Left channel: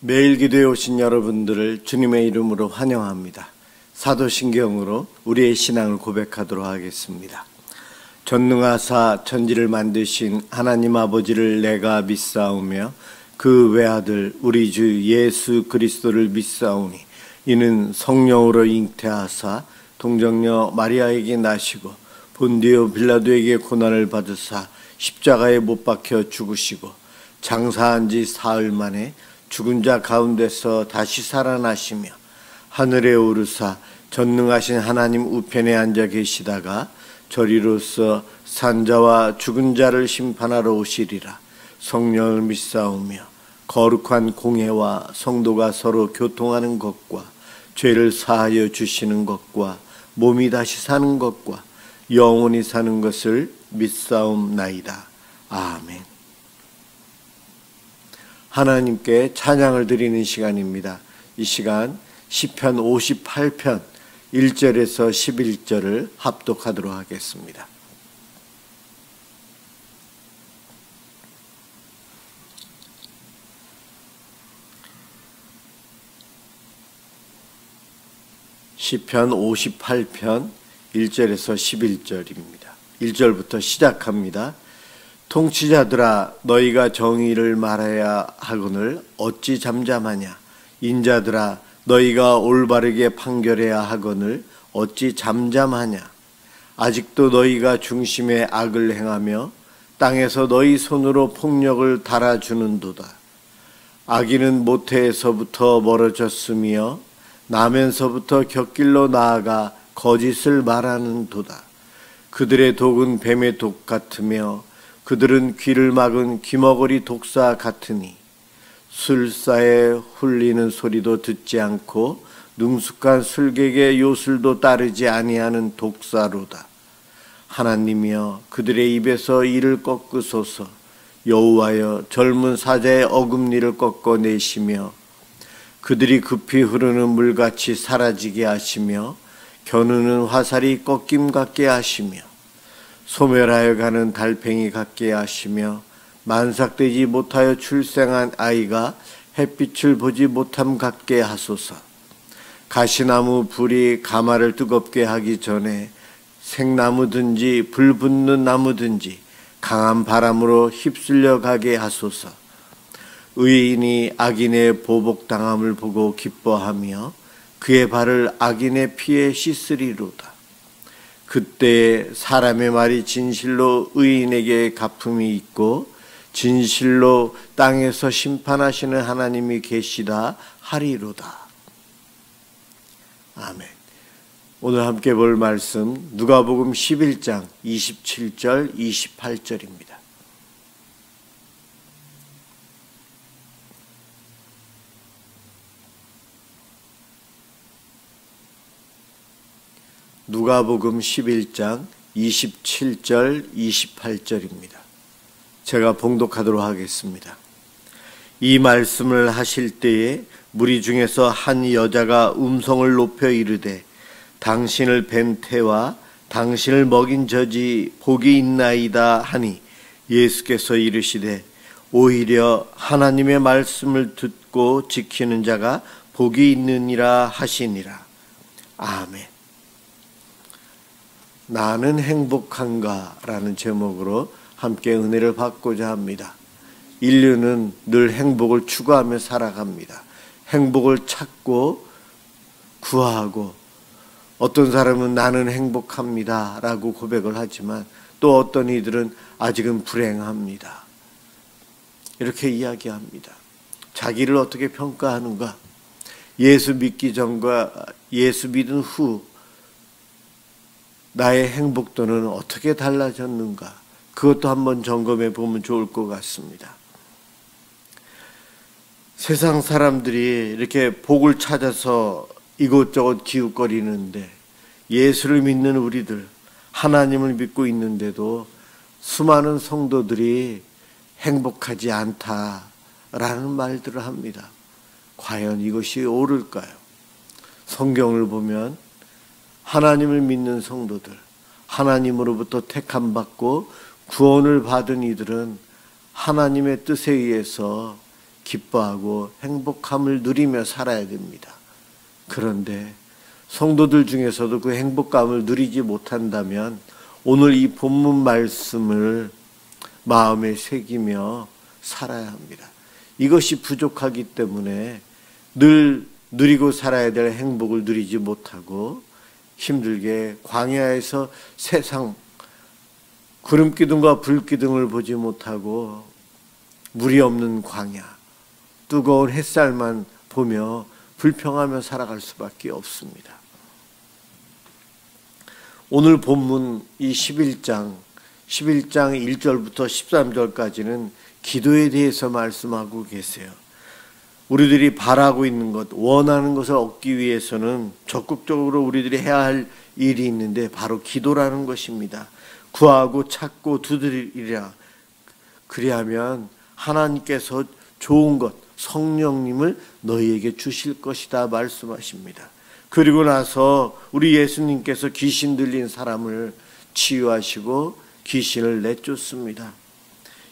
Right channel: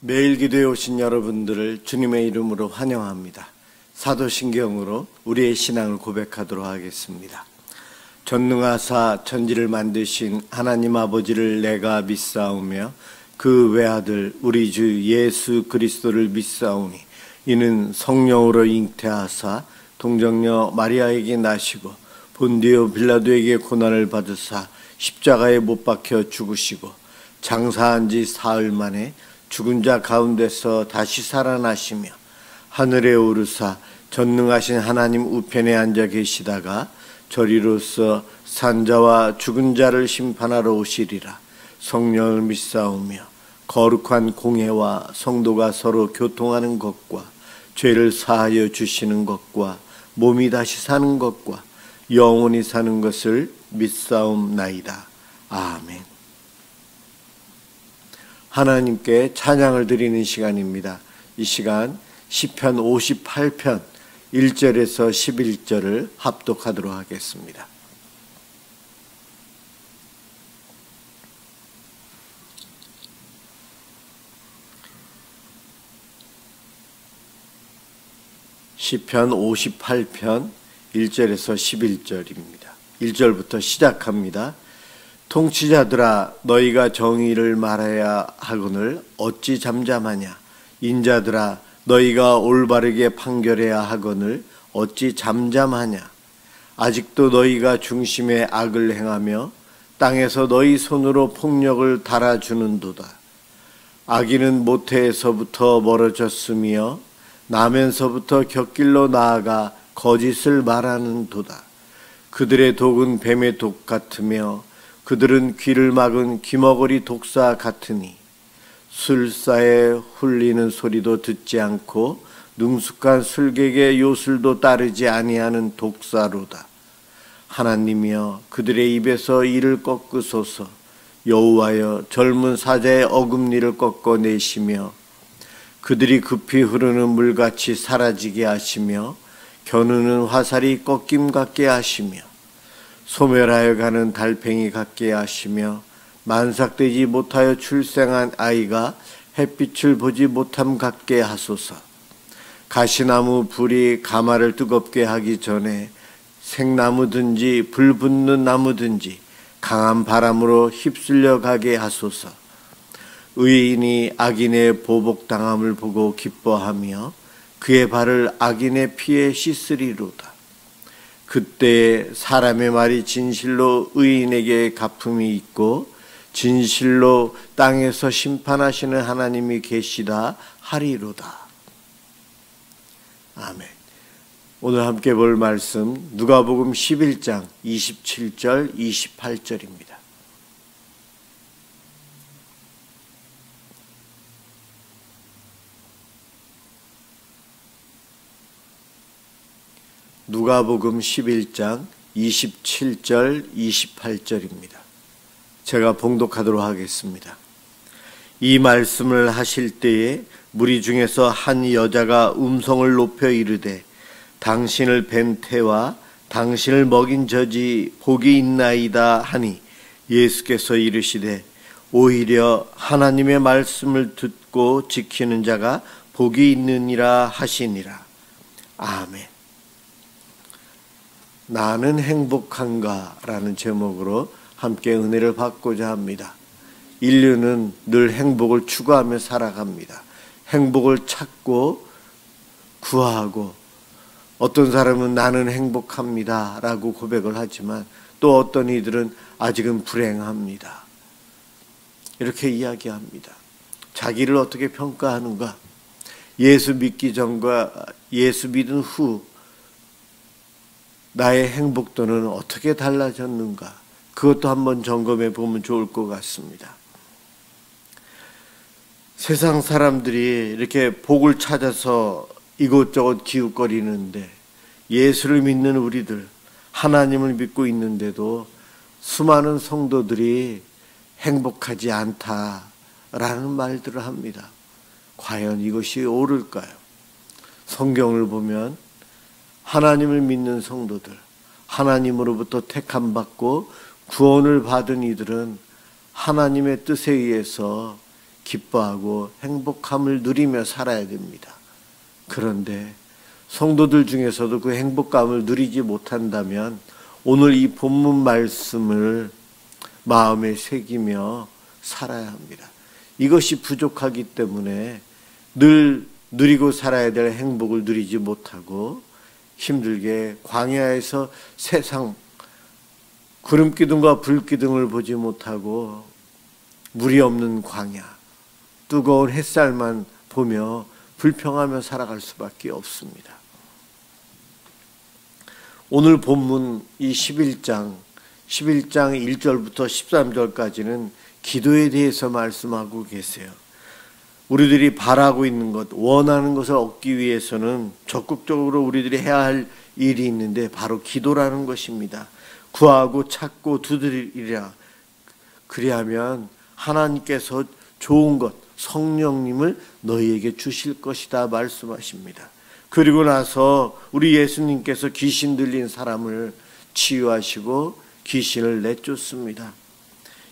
매일 기도에 오신 여러분들을 주님의 이름으로 환영합니다. 사도신경으로 우리의 신앙을 고백하도록 하겠습니다. 전능하사 천지를 만드신 하나님 아버지를 내가 믿사오며 그 외아들 우리 주 예수 그리스도를 믿사오니 이는 성령으로 잉태하사 동정녀 마리아에게 나시고 본디오 빌라도에게 고난을 받으사 십자가에 못 박혀 죽으시고 장사한 지 사흘 만에 죽은 자 가운데서 다시 살아나시며 하늘에 오르사 전능하신 하나님 우편에 앉아 계시다가 저리로서 산자와 죽은 자를 심판하러 오시리라. 성령을 믿사오며 거룩한 공회와 성도가 서로 교통하는 것과 죄를 사하여 주시는 것과 몸이 다시 사는 것과 영원히 사는 것을 믿사옵나이다. 아멘. 하나님께 찬양을 드리는 시간입니다. 이 시간 시편 58편 1절에서 11절을 합독하도록 하겠습니다. 시편 58편 1절에서 11절입니다. 1절부터 시작합니다. 통치자들아 너희가 정의를 말해야 하거늘 어찌 잠잠하냐. 인자들아 너희가 올바르게 판결해야 하거늘 어찌 잠잠하냐. 아직도 너희가 중심에 악을 행하며 땅에서 너희 손으로 폭력을 달아주는도다. 악인은 모태에서부터 멀어졌으며 나면서부터 곁길로 나아가 거짓을 말하는도다. 그들의 독은 뱀의 독 같으며 그들은 귀를 막은 귀머거리 독사 같으니 술사에 훌리는 소리도 듣지 않고 능숙한 술객의 요술도 따르지 아니하는 독사로다. 하나님이여 그들의 입에서 이를 꺾으소서. 여호와여 젊은 사자의 어금니를 꺾어내시며 그들이 급히 흐르는 물같이 사라지게 하시며 겨누는 화살이 꺾임 같게 하시며 소멸하여 가는 달팽이 같게 하시며 만삭되지 못하여 출생한 아이가 햇빛을 보지 못함 같게 하소서. 가시나무 불이 가마를 뜨겁게 하기 전에 생나무든지 불 붙는 나무든지 강한 바람으로 휩쓸려 가게 하소서. 의인이 악인의 보복당함을 보고 기뻐하며 그의 발을 악인의 피에 씻으리로다. 그때에 사람의 말이 진실로 의인에게 갚음이 있고 진실로 땅에서 심판하시는 하나님이 계시다 하리로다. 아멘. 오늘 함께 볼 말씀 누가복음 11장 27절 28절입니다. 누가복음 11장 27절 28절입니다. 제가 봉독하도록 하겠습니다. 이 말씀을 하실 때에 무리 중에서 한 여자가 음성을 높여 이르되 당신을 뵌 태와 당신을 먹인 젖이 복이 있나이다 하니 예수께서 이르시되 오히려 하나님의 말씀을 듣고 지키는 자가 복이 있느니라 하시니라. 아멘. 나는 행복한가? 라는 제목으로 함께 은혜를 받고자 합니다. 인류는 늘 행복을 추구하며 살아갑니다. 행복을 찾고 구하고 어떤 사람은 나는 행복합니다 라고 고백을 하지만 또 어떤 이들은 아직은 불행합니다. 이렇게 이야기합니다. 자기를 어떻게 평가하는가? 예수 믿기 전과 예수 믿은 후 나의 행복도는 어떻게 달라졌는가? 그것도 한번 점검해 보면 좋을 것 같습니다. 세상 사람들이 이렇게 복을 찾아서 이곳저곳 기웃거리는데 예수를 믿는 우리들, 하나님을 믿고 있는데도 수많은 성도들이 행복하지 않다라는 말들을 합니다. 과연 이것이 옳을까요? 성경을 보면 하나님을 믿는 성도들, 하나님으로부터 택함받고 구원을 받은 이들은 하나님의 뜻에 의해서 기뻐하고 행복함을 누리며 살아야 됩니다. 그런데 성도들 중에서도 그 행복감을 누리지 못한다면 오늘 이 본문 말씀을 마음에 새기며 살아야 합니다. 이것이 부족하기 때문에 늘 누리고 살아야 될 행복을 누리지 못하고 힘들게 광야에서 세상 구름기둥과 불기둥을 보지 못하고 물이 없는 광야, 뜨거운 햇살만 보며 불평하며 살아갈 수밖에 없습니다. 오늘 본문 이 11장 1절부터 13절까지는 기도에 대해서 말씀하고 계세요. 우리들이 바라고 있는 것, 원하는 것을 얻기 위해서는 적극적으로 우리들이 해야 할 일이 있는데 바로 기도라는 것입니다. 구하고 찾고 두드리리라. 그리하면 하나님께서 좋은 것, 성령님을 너희에게 주실 것이다 말씀하십니다. 그리고 나서 우리 예수님께서 귀신 들린 사람을 치유하시고 귀신을 내쫓습니다.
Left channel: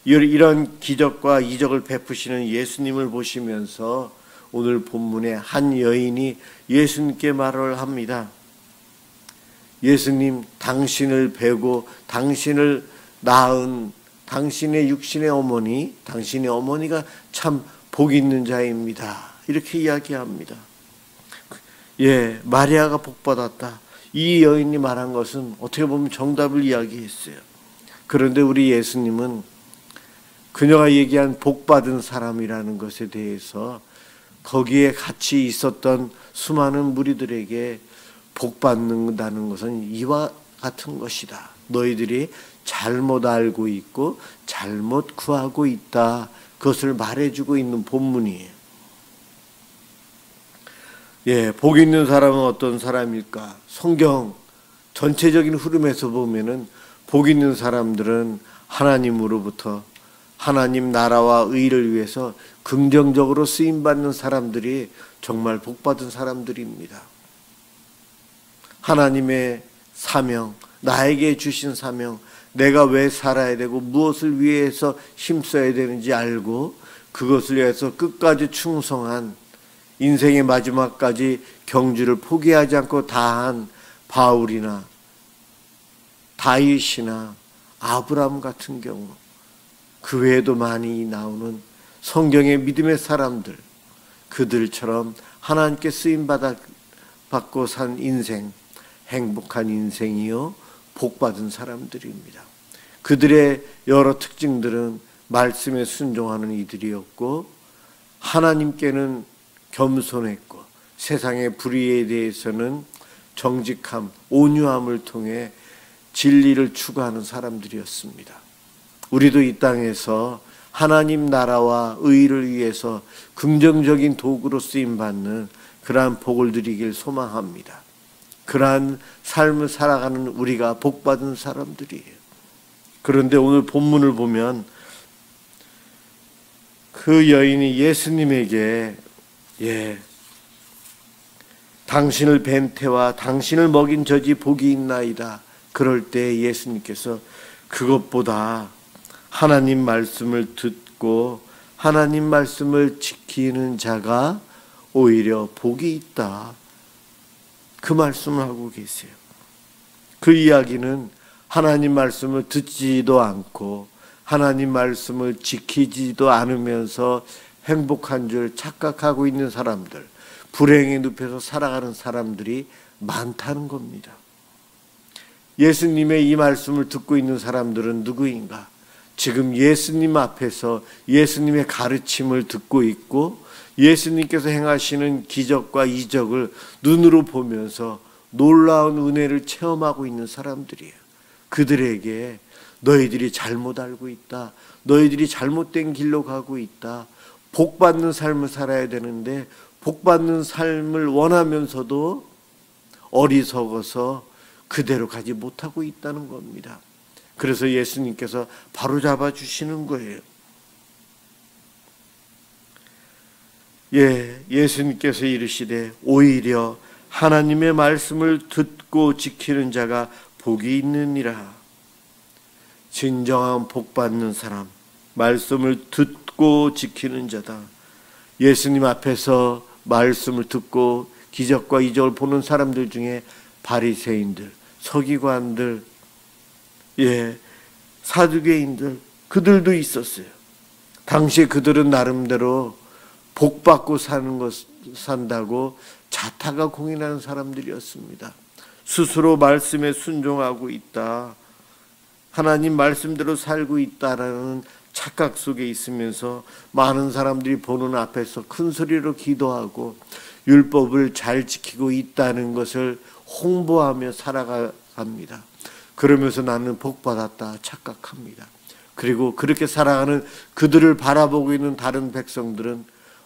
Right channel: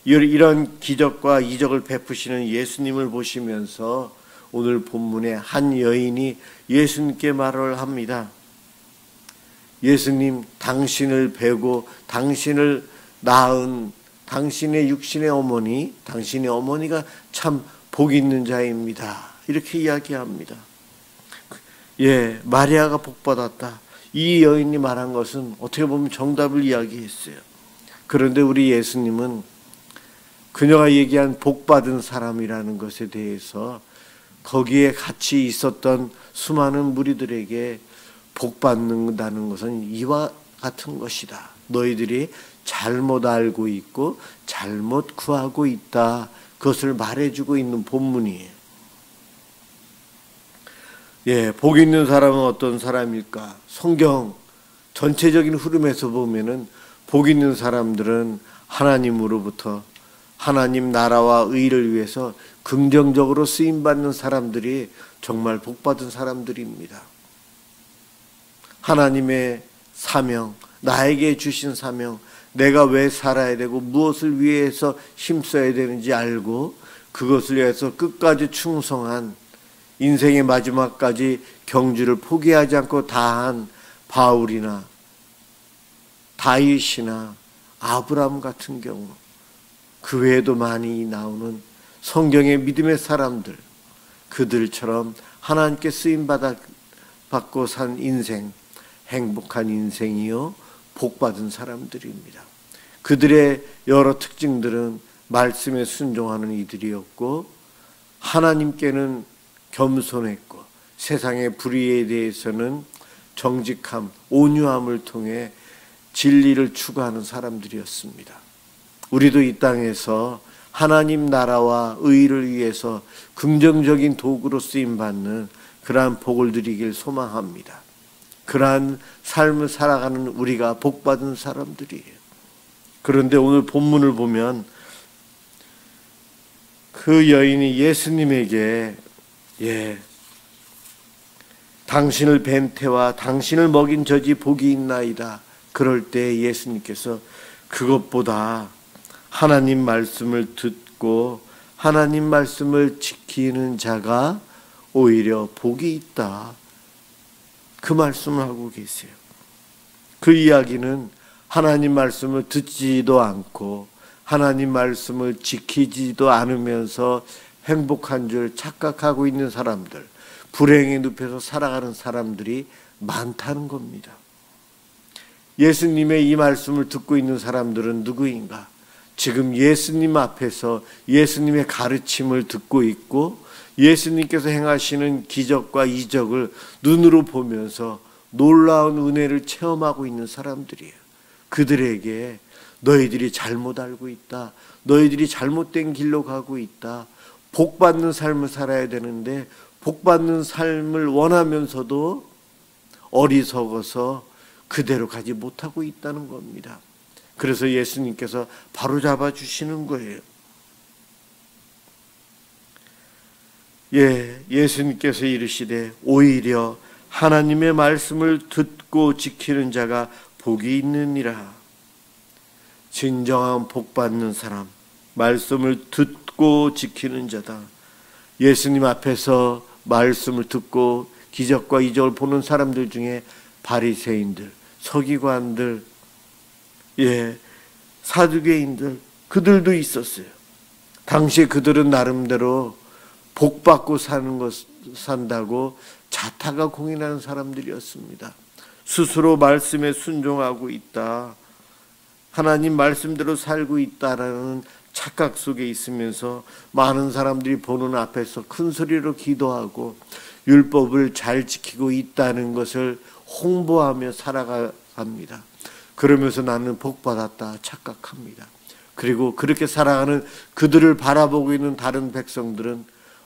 이런 기적과 이적을 베푸시는 예수님을 보시면서 오늘 본문에 한 여인이 예수님께 말을 합니다. 예수님, 당신을 뵈고 당신을 낳은 당신의 육신의 어머니, 당신의 어머니가 참 복 있는 자입니다. 이렇게 이야기합니다. 예, 마리아가 복 받았다. 이 여인이 말한 것은 어떻게 보면 정답을 이야기했어요. 그런데 우리 예수님은 그녀가 얘기한 복 받은 사람이라는 것에 대해서 거기에 같이 있었던 수많은 무리들에게 복 받는다는 것은 이와 같은 것이다. 너희들이 잘못 알고 있고 잘못 구하고 있다. 그것을 말해주고 있는 본문이에요. 예, 복 있는 사람은 어떤 사람일까? 성경 전체적인 흐름에서 보면은 복 있는 사람들은 하나님으로부터 하나님 나라와 의를 위해서 긍정적으로 쓰임받는 사람들이 정말 복받은 사람들입니다. 하나님의 사명, 나에게 주신 사명, 내가 왜 살아야 되고 무엇을 위해서 힘써야 되는지 알고 그것을 위해서 끝까지 충성한 인생의 마지막까지 경주를 포기하지 않고 다한 바울이나 다윗이나 아브라함 같은 경우, 그 외에도 많이 나오는 성경의 믿음의 사람들, 그들처럼 하나님께 쓰임받고 산 인생, 행복한 인생이요 복받은 사람들입니다. 그들의 여러 특징들은 말씀에 순종하는 이들이었고 하나님께는 겸손했고 세상의 불의에 대해서는 정직함, 온유함을 통해 진리를 추구하는 사람들이었습니다. 우리도 이 땅에서 하나님 나라와 의를 위해서 긍정적인 도구로 쓰임받는 그러한 복을 누리길 소망합니다. 그러한 삶을 살아가는 우리가 복받은 사람들이에요. 그런데 오늘 본문을 보면 그 여인이 예수님에게 당신을 뵌 태와 당신을 먹인 젖이 복이 있나이다. 그럴 때 예수님께서 그것보다 하나님 말씀을 듣고 하나님 말씀을 지키는 자가 오히려 복이 있다. 그 말씀을 하고 계세요. 그 이야기는 하나님 말씀을 듣지도 않고 하나님 말씀을 지키지도 않으면서 행복한 줄 착각하고 있는 사람들, 불행에 눕혀서 살아가는 사람들이 많다는 겁니다. 예수님의 이 말씀을 듣고 있는 사람들은 누구인가? 지금 예수님 앞에서 예수님의 가르침을 듣고 있고 예수님께서 행하시는 기적과 이적을 눈으로 보면서 놀라운 은혜를 체험하고 있는 사람들이에요. 그들에게 너희들이 잘못 알고 있다. 너희들이 잘못된 길로 가고 있다. 복받는 삶을 살아야 되는데 복받는 삶을 원하면서도 어리석어서 그대로 가지 못하고 있다는 겁니다. 그래서 예수님께서 바로잡아 주시는 거예요. 예수님께서 이르시되 오히려 하나님의 말씀을 듣고 지키는 자가 복이 있느니라. 진정한 복받는 사람, 말씀을 듣고 지키는 자다. 예수님 앞에서 말씀을 듣고 기적과 이적을 보는 사람들 중에 바리새인들, 서기관들, 사두개인들, 그들도 있었어요. 당시에 그들은 나름대로 복받고 산다고 자타가 공인하는 사람들이었습니다. 스스로 말씀에 순종하고 있다, 하나님 말씀대로 살고 있다라는 착각 속에 있으면서 많은 사람들이 보는 앞에서 큰 소리로 기도하고 율법을 잘 지키고 있다는 것을 홍보하며 살아갑니다. 그러면서 나는 복받았다 착각합니다. 그리고 그렇게 살아가는 그들을 바라보고 있는 다른 백성들은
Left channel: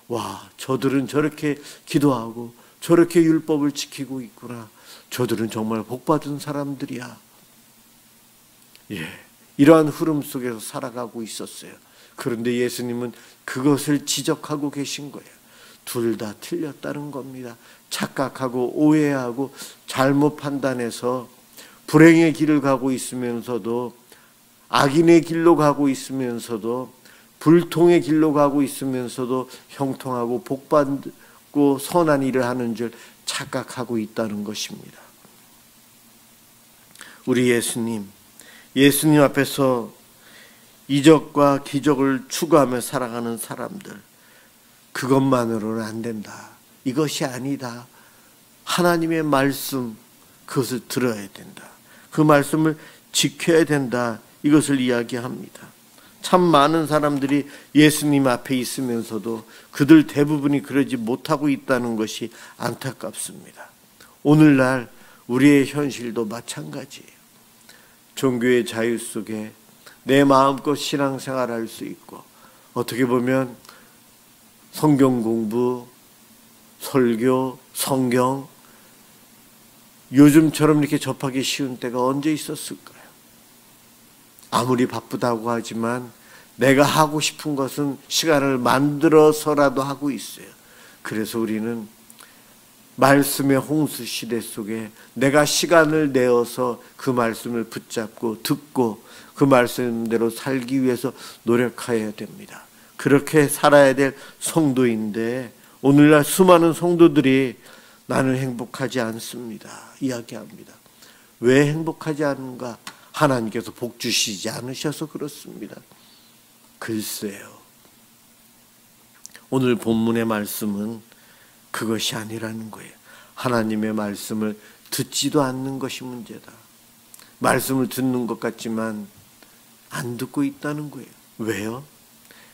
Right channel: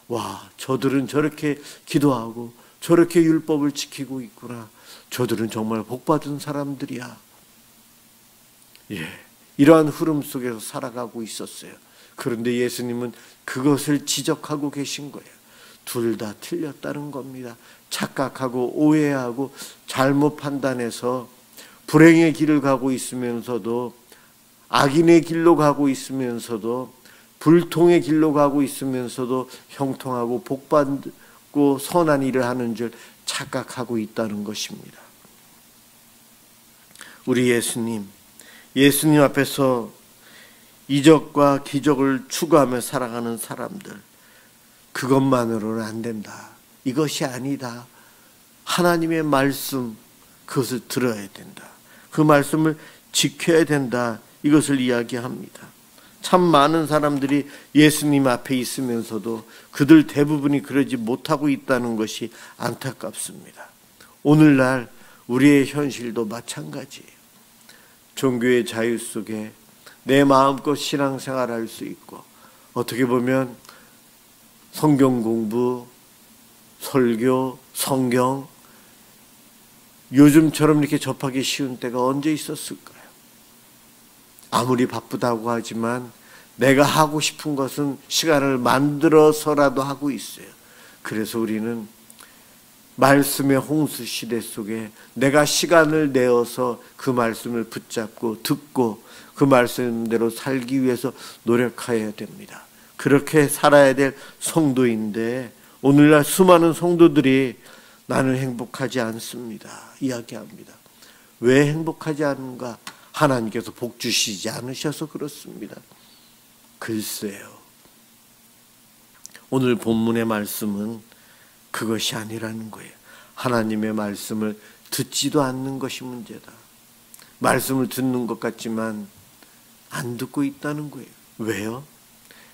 와, 저들은 저렇게 기도하고 저렇게 율법을 지키고 있구나. 저들은 정말 복받은 사람들이야. 이러한 흐름 속에서 살아가고 있었어요. 그런데 예수님은 그것을 지적하고 계신 거예요. 둘 다 틀렸다는 겁니다. 착각하고 오해하고 잘못 판단해서 불행의 길을 가고 있으면서도, 악인의 길로 가고 있으면서도, 불통의 길로 가고 있으면서도 형통하고 복받고 선한 일을 하는 줄 착각하고 있다는 것입니다. 우리 예수님 앞에서 이적과 기적을 추구하며 살아가는 사람들, 그것만으로는 안 된다. 이것이 아니다. 하나님의 말씀, 그것을 들어야 된다. 그 말씀을 지켜야 된다. 이것을 이야기합니다. 참 많은 사람들이 예수님 앞에 있으면서도 그들 대부분이 그러지 못하고 있다는 것이 안타깝습니다. 오늘날 우리의 현실도 마찬가지예요. 종교의 자유 속에 내 마음껏 신앙생활할 수 있고, 어떻게 보면 성경 공부, 설교, 성경, 요즘처럼 이렇게 접하기 쉬운 때가 언제 있었을까요? 아무리 바쁘다고 하지만 내가 하고 싶은 것은 시간을 만들어서라도 하고 있어요. 그래서 우리는 말씀의 홍수 시대 속에 내가 시간을 내어서 그 말씀을 붙잡고 듣고 그 말씀대로 살기 위해서 노력해야 됩니다. 그렇게 살아야 될 성도인데 오늘날 수많은 성도들이 나는 행복하지 않습니다 이야기합니다. 왜 행복하지 않은가? 하나님께서 복 주시지 않으셔서 그렇습니다. 글쎄요, 오늘 본문의 말씀은 그것이 아니라는 거예요. 하나님의 말씀을 듣지도 않는 것이 문제다. 말씀을 듣는 것 같지만 안 듣고 있다는 거예요. 왜요?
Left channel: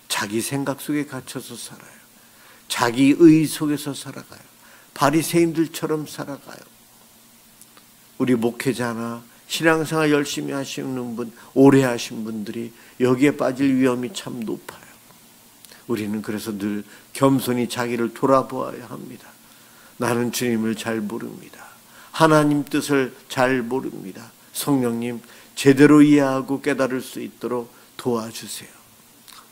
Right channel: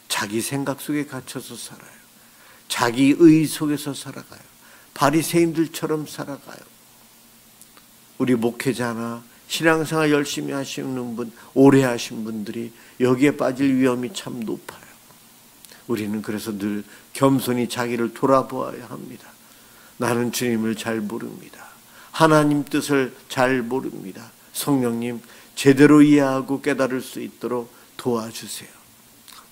자기 생각 속에 갇혀서 살아요. 자기 의 속에서 살아가요. 바리새인들처럼 살아가요. 우리 목회자나 신앙생활 열심히 하시는 분, 오래 하신 분들이 여기에 빠질 위험이 참 높아요. 우리는 그래서 늘 겸손히 자기를 돌아보아야 합니다. 나는 주님을 잘 모릅니다. 하나님 뜻을 잘 모릅니다. 성령님, 제대로 이해하고 깨달을 수 있도록 도와주세요.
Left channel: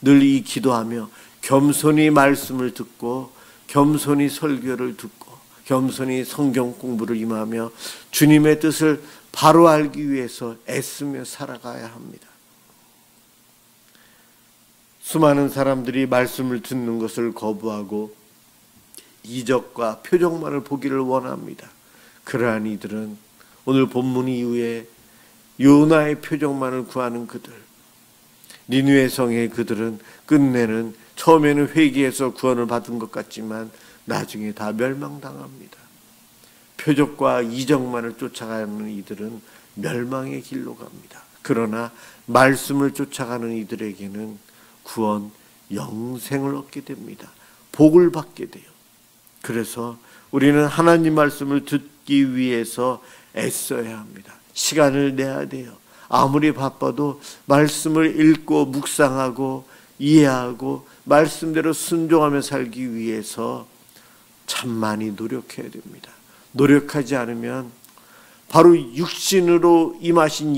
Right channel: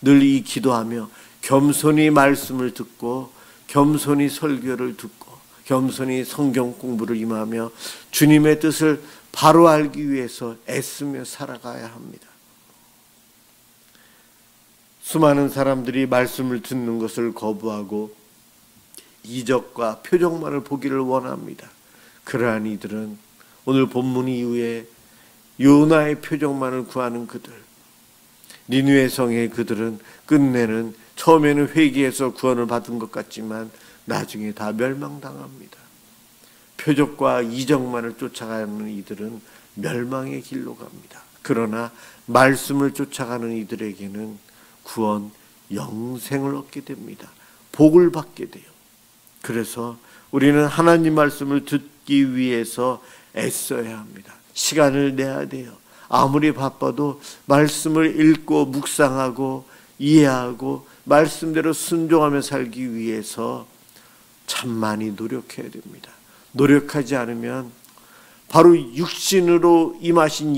늘 이 기도하며 겸손히 말씀을 듣고 겸손히 설교를 듣고 겸손히 성경 공부를 임하며 주님의 뜻을 바로 알기 위해서 애쓰며 살아가야 합니다. 수많은 사람들이 말씀을 듣는 것을 거부하고 이적과 표적만을 보기를 원합니다. 그러한 이들은 오늘 본문 이후에 요나의 표적만을 구하는 그들, 니느웨 성의 그들은 끝내는 처음에는 회개해서 구원을 받은 것 같지만 나중에 다 멸망당합니다. 표적과 이적만을 쫓아가는 이들은 멸망의 길로 갑니다. 그러나 말씀을 쫓아가는 이들에게는 구원, 영생을 얻게 됩니다. 복을 받게 돼요. 그래서 우리는 하나님 말씀을 듣기 위해서 애써야 합니다. 시간을 내야 돼요. 아무리 바빠도 말씀을 읽고 묵상하고 이해하고 말씀대로 순종하며 살기 위해서 참 많이 노력해야 됩니다. 노력하지 않으면 바로 육신으로 임하신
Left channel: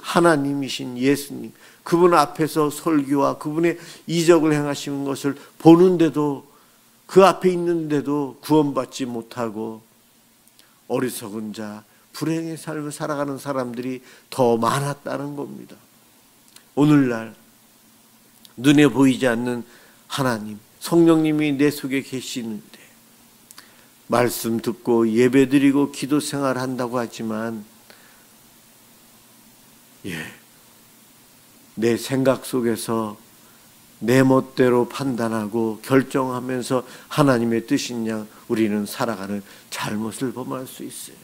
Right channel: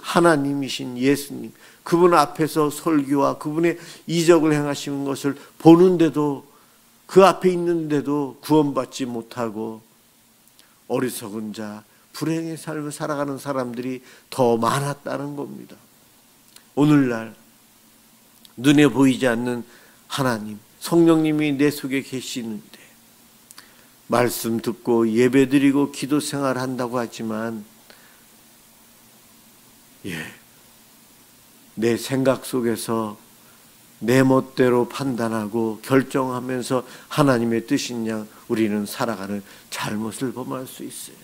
하나님이신 예수님, 그분 앞에서 설교와 그분의 이적을 행하시는 것을 보는데도, 그 앞에 있는데도 구원받지 못하고 어리석은 자, 불행의 삶을 살아가는 사람들이 더 많았다는 겁니다. 오늘날 눈에 보이지 않는 하나님, 성령님이 내 속에 계시는데 말씀 듣고 예배드리고 기도 생활한다고 하지만 내 생각 속에서 내 멋대로 판단하고 결정하면서 하나님의 뜻인 양 우리는 살아가는 잘못을 범할 수 있어요.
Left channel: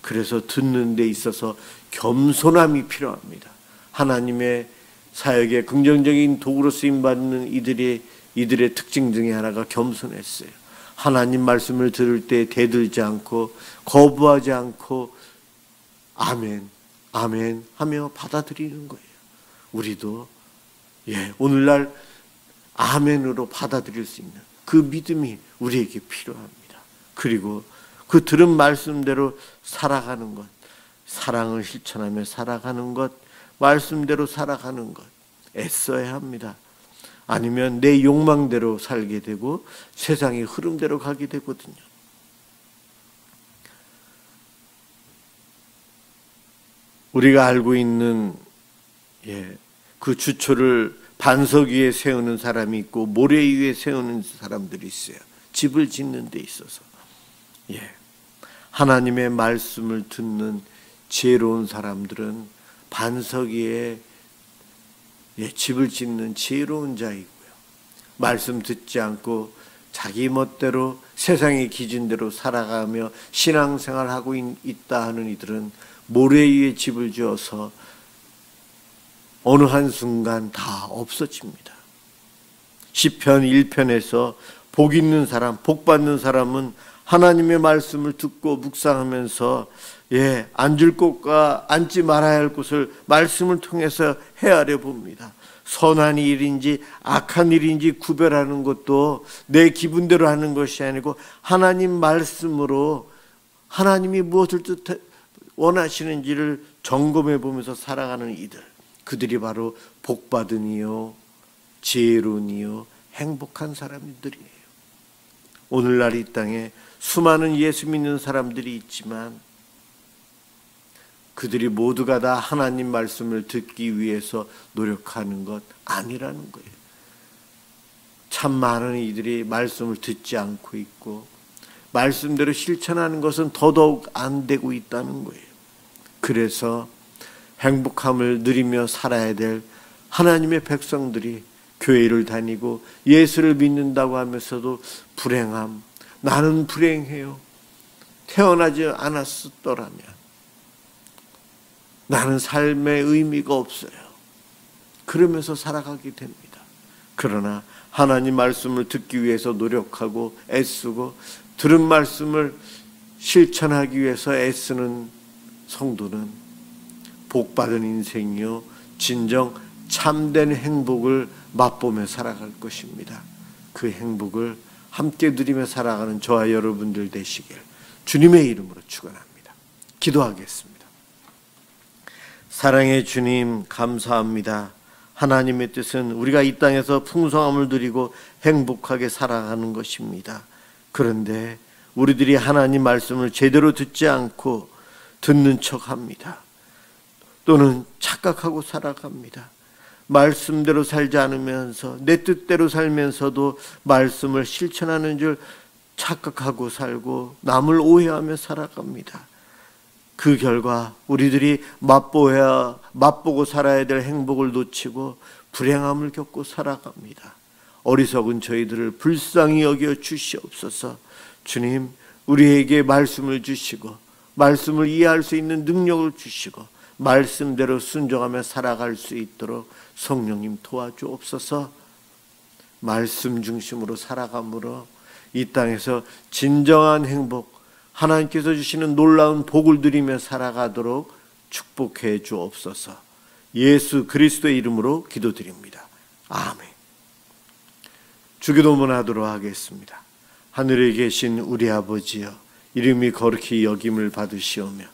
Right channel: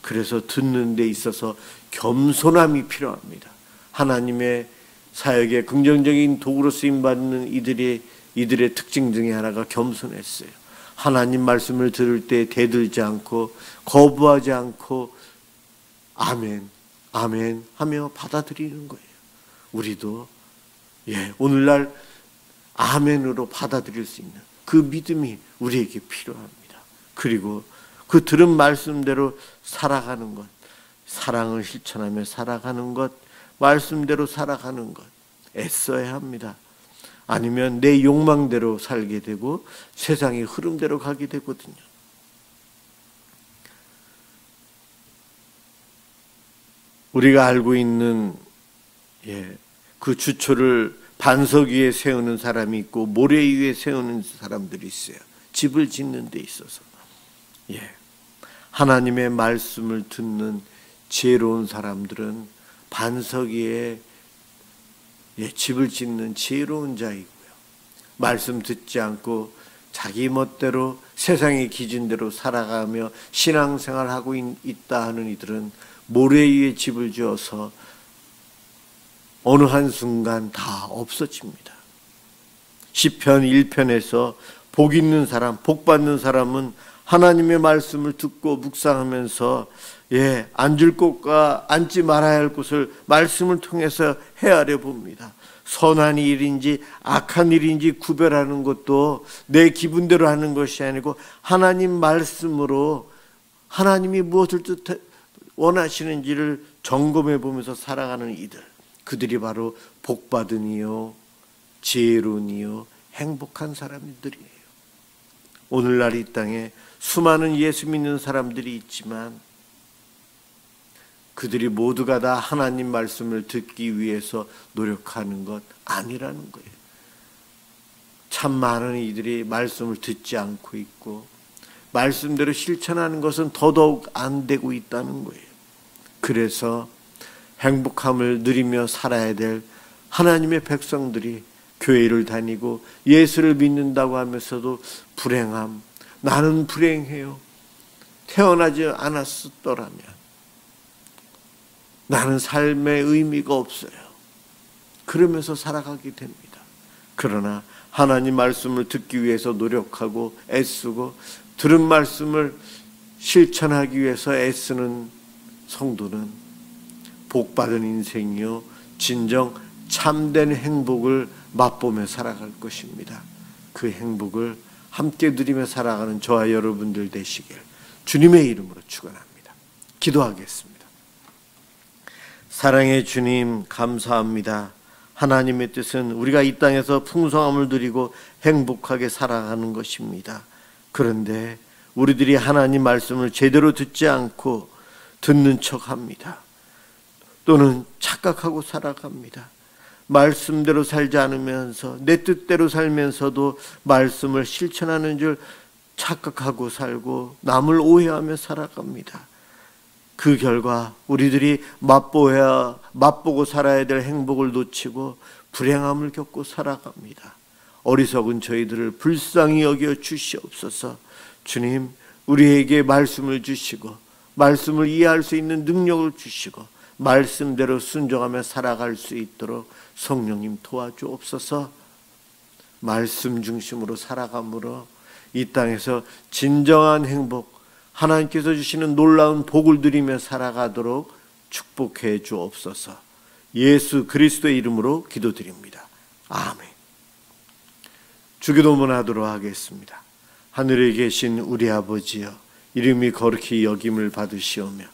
그래서 듣는 데 있어서 겸손함이 필요합니다. 하나님의 사역에 긍정적인 도구로 쓰임받는 이들의 특징 중에 하나가 겸손했어요. 하나님 말씀을 들을 때 대들지 않고 거부하지 않고 아멘, 아멘 하며 받아들이는 거예요. 우리도 오늘날 아멘으로 받아들일 수 있는 그 믿음이 우리에게 필요합니다. 그리고 그 들은 말씀대로 살아가는 것, 사랑을 실천하며 살아가는 것, 말씀대로 살아가는 것 애써야 합니다. 아니면 내 욕망대로 살게 되고 세상의 흐름대로 가게 되거든요. 우리가 알고 있는 그 주초를 반석 위에 세우는 사람이 있고 모래 위에 세우는 사람들이 있어요. 집을 짓는 데 있어서 하나님의 말씀을 듣는 지혜로운 사람들은 반석 위에 집을 짓는 지혜로운 자이고요. 말씀 듣지 않고 자기 멋대로 세상의 기준대로 살아가며 신앙생활하고 있다 하는 이들은 모래 위에 집을 지어서 어느 한순간 다 없어집니다. 시편 1편에서 복 있는 사람, 복 받는 사람은 하나님의 말씀을 듣고 묵상하면서 앉을 곳과 앉지 말아야 할 곳을 말씀을 통해서 헤아려 봅니다. 선한 일인지 악한 일인지 구별하는 것도 내 기분대로 하는 것이 아니고 하나님 말씀으로 하나님이 무엇을 원하시는지를 점검해 보면서 살아가는 이들, 그들이 바로 복받은 이요 지혜로운 이요 행복한 사람들이에요. 오늘날 이 땅에 수많은 예수 믿는 사람들이 있지만 그들이 모두가 다 하나님 말씀을 듣기 위해서 노력하는 것 아니라는 거예요. 참 많은 이들이 말씀을 듣지 않고 있고 말씀대로 실천하는 것은 더더욱 안 되고 있다는 거예요. 그래서 행복함을 누리며 살아야 될 하나님의 백성들이 교회를 다니고 예수를 믿는다고 하면서도 불행함, 나는 불행해요, 태어나지 않았더라면 나는 삶의 의미가 없어요, 그러면서 살아가게 됩니다. 그러나 하나님 말씀을 듣기 위해서 노력하고 애쓰고 들은 말씀을 실천하기 위해서 애쓰는 성도는 복받은 인생이요 진정 참된 행복을 맛보며 살아갈 것입니다. 그 행복을 함께 누리며 살아가는 저와 여러분들 되시길 주님의 이름으로 축원합니다. 기도하겠습니다. 사랑의 주님, 감사합니다. 하나님의 뜻은 우리가 이 땅에서 풍성함을 누리고 행복하게 살아가는 것입니다. 그런데 우리들이 하나님 말씀을 제대로 듣지 않고 듣는 척합니다. 또는 착각하고 살아갑니다. 말씀대로 살지 않으면서 내 뜻대로 살면서도 말씀을 실천하는 줄 착각하고 살고 남을 오해하며 살아갑니다. 그 결과 우리들이 맛보고 살아야 될 행복을 놓치고 불행함을 겪고 살아갑니다. 어리석은 저희들을 불쌍히 여겨 주시옵소서. 주님, 우리에게 말씀을 주시고 말씀을 이해할 수 있는 능력을 주시고 말씀대로 순종하며 살아갈 수 있도록 성령님 도와주옵소서. 말씀 중심으로 살아감으로 이 땅에서 진정한 행복, 하나님께서 주시는 놀라운 복을 누리며 살아가도록 축복해 주옵소서. 예수 그리스도의 이름으로 기도드립니다. 아멘. 주기도문 하도록 하겠습니다. 하늘에 계신 우리 아버지여, 이름이 거룩히 여김을 받으시오며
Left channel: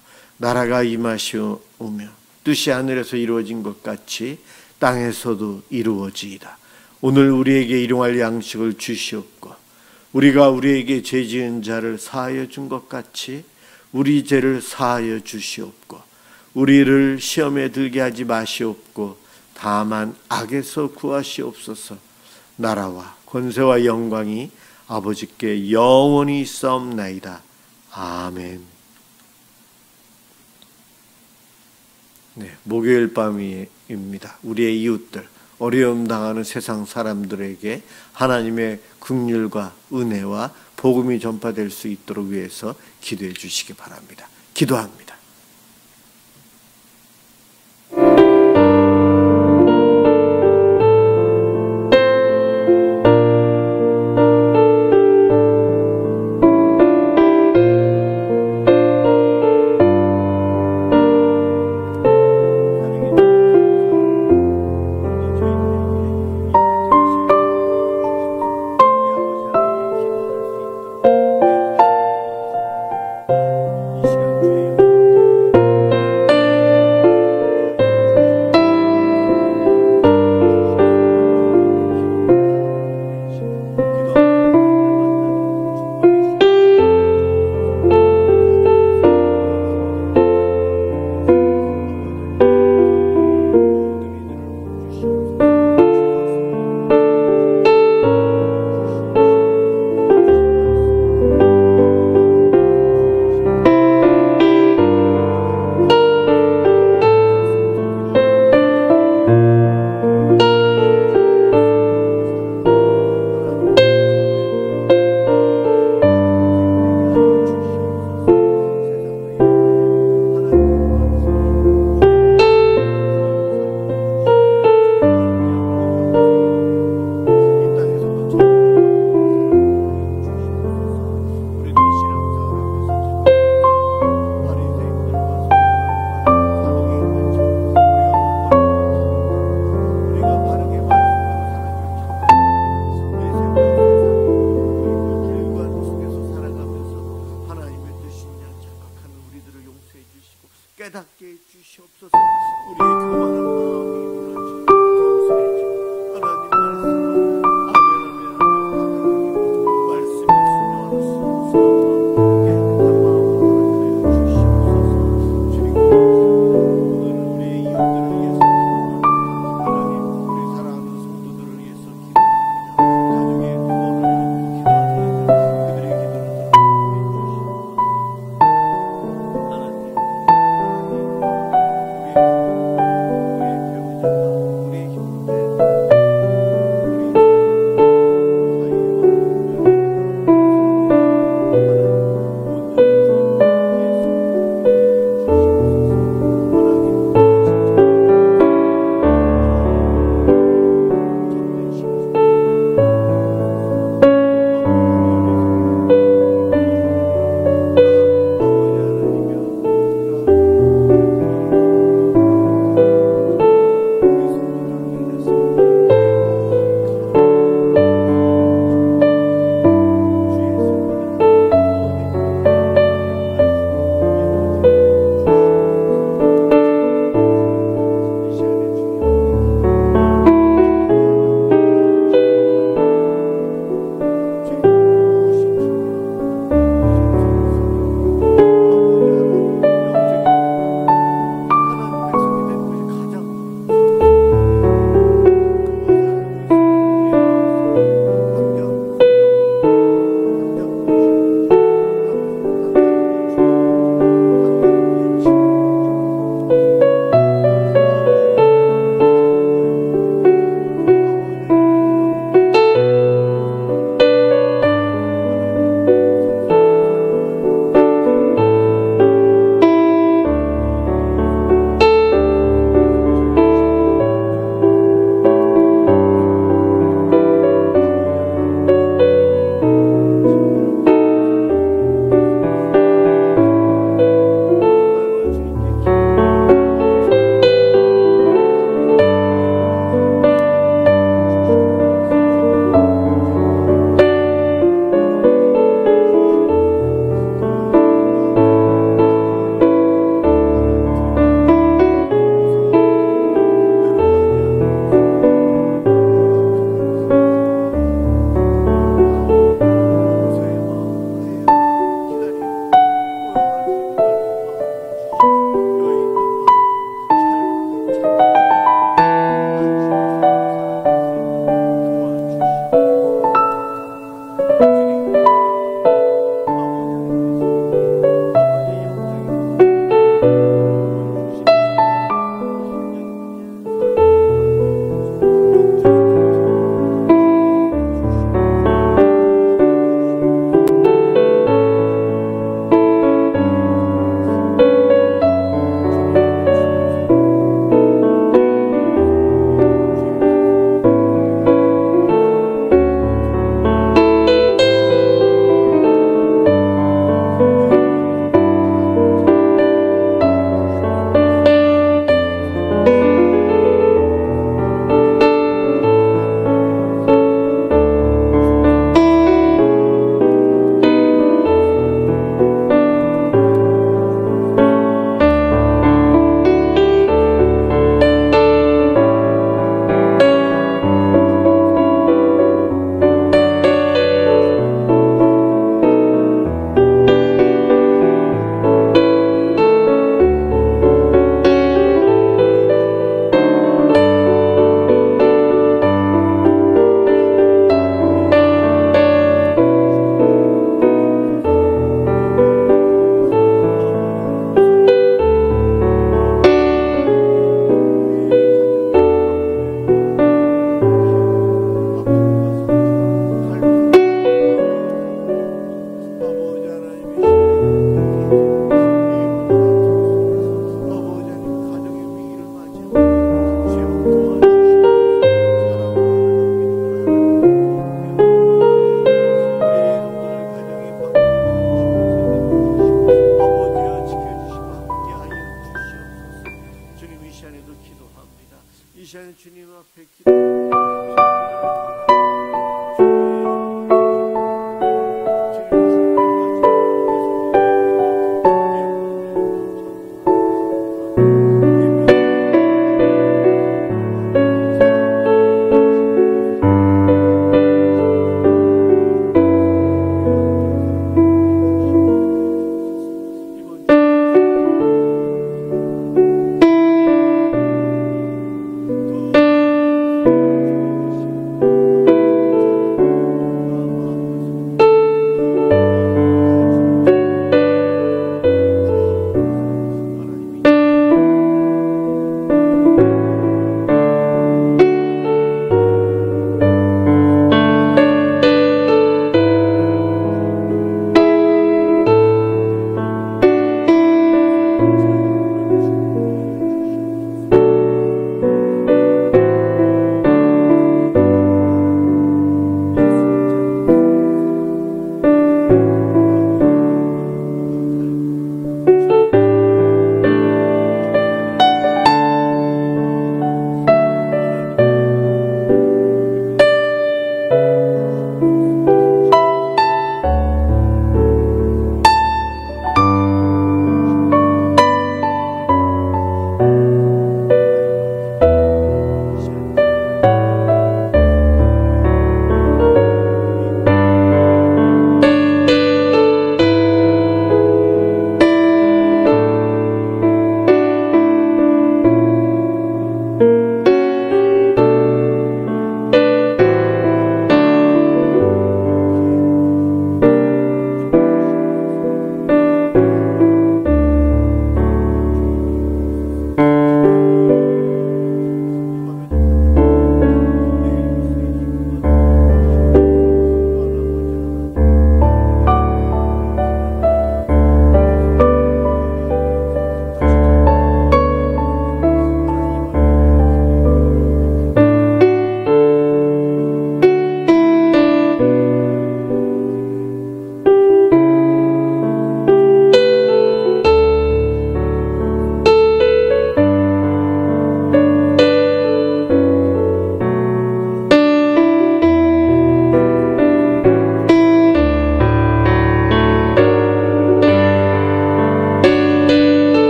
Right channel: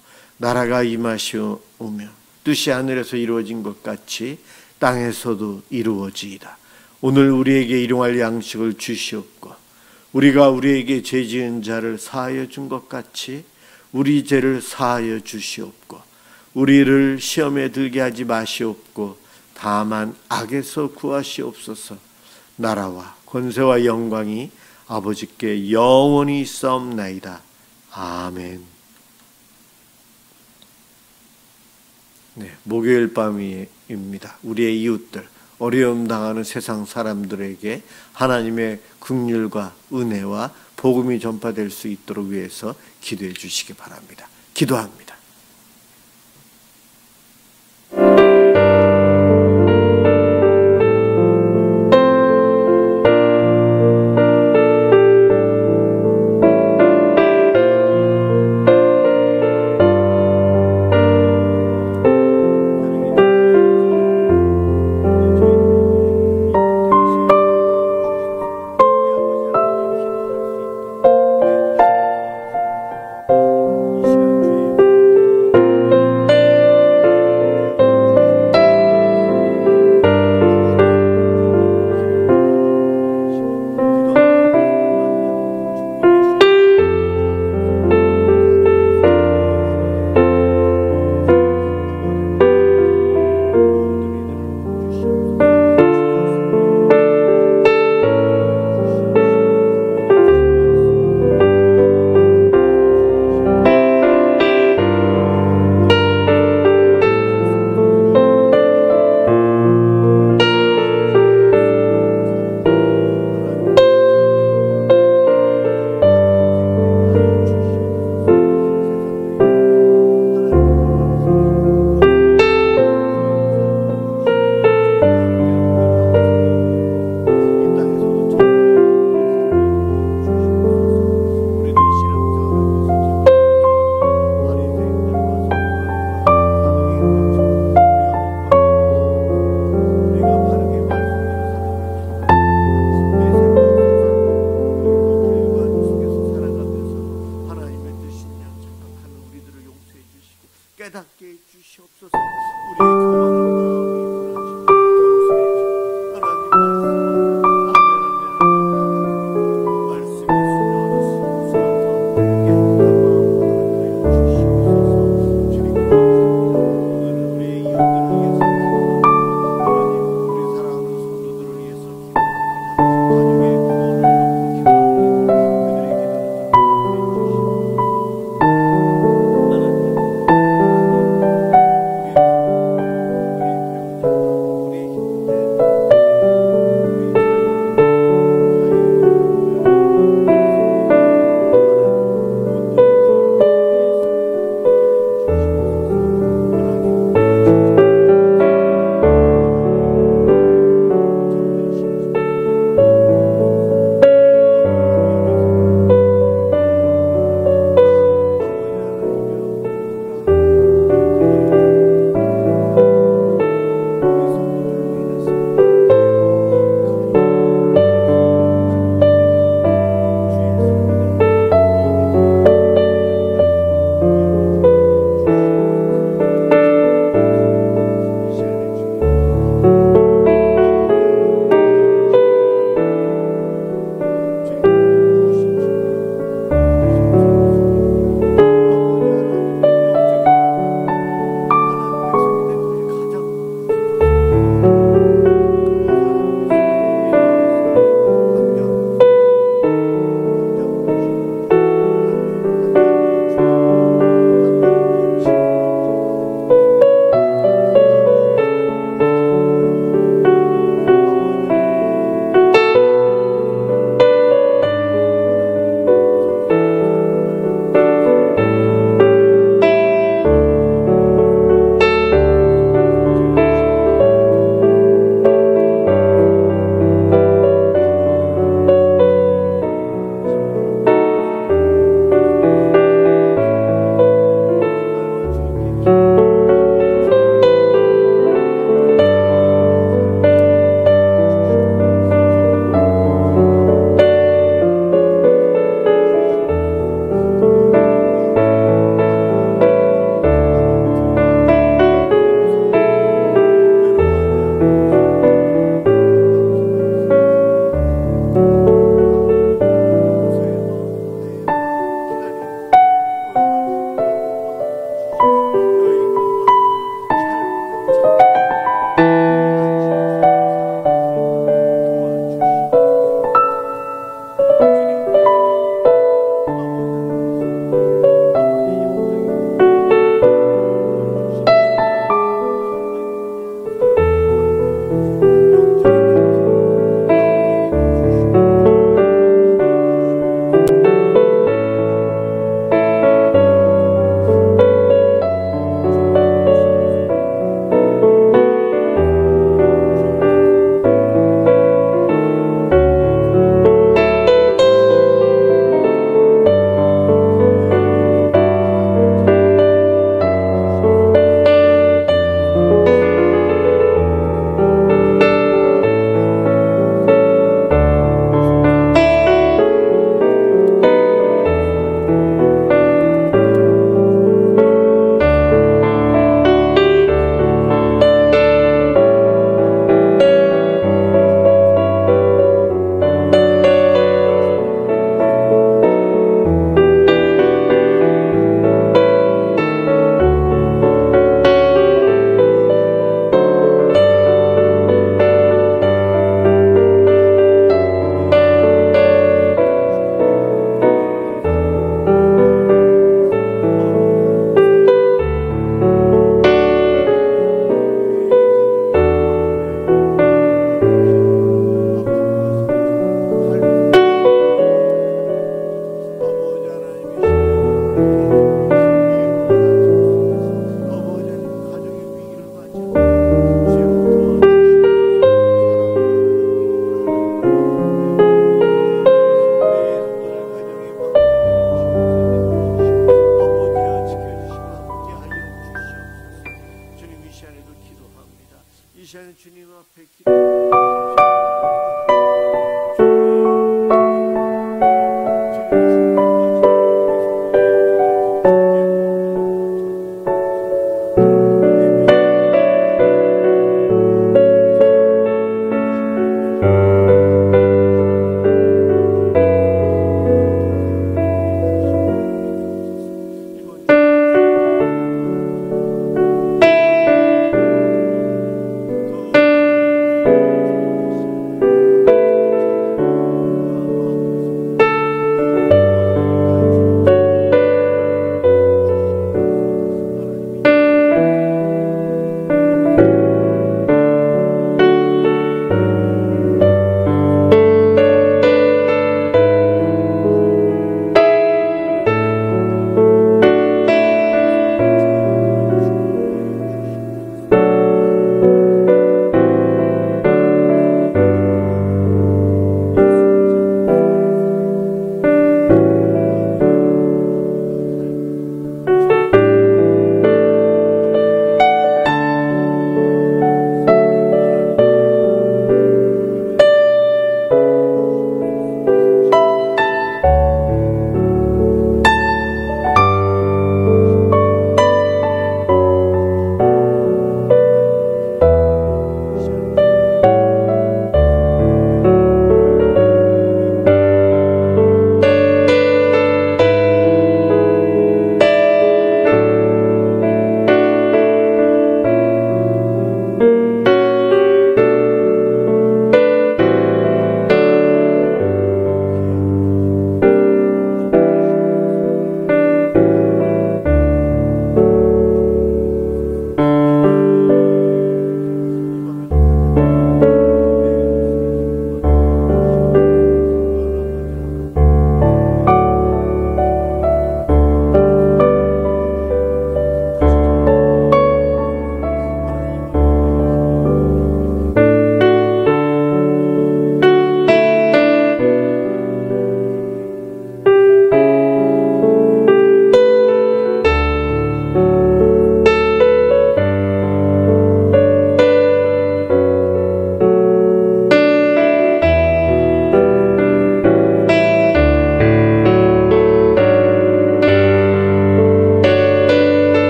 나라가 임하시오며 뜻이 하늘에서 이루어진 것 같이 땅에서도 이루어지이다. 오늘 우리에게 일용할 양식을 주시옵고 우리가 우리에게 죄지은 자를 사하여 준 것 같이 우리 죄를 사하여 주시옵고 우리를 시험에 들게 하지 마시옵고 다만 악에서 구하시옵소서. 나라와 권세와 영광이 아버지께 영원히 있사옵나이다. 아멘. 네, 목요일 밤입니다. 우리의 이웃들, 어려움 당하는 세상 사람들에게 하나님의 긍휼과 은혜와 복음이 전파될 수 있도록 위해서 기도해 주시기 바랍니다. 기도합니다. 깨닫게 해주시옵소서. 우리의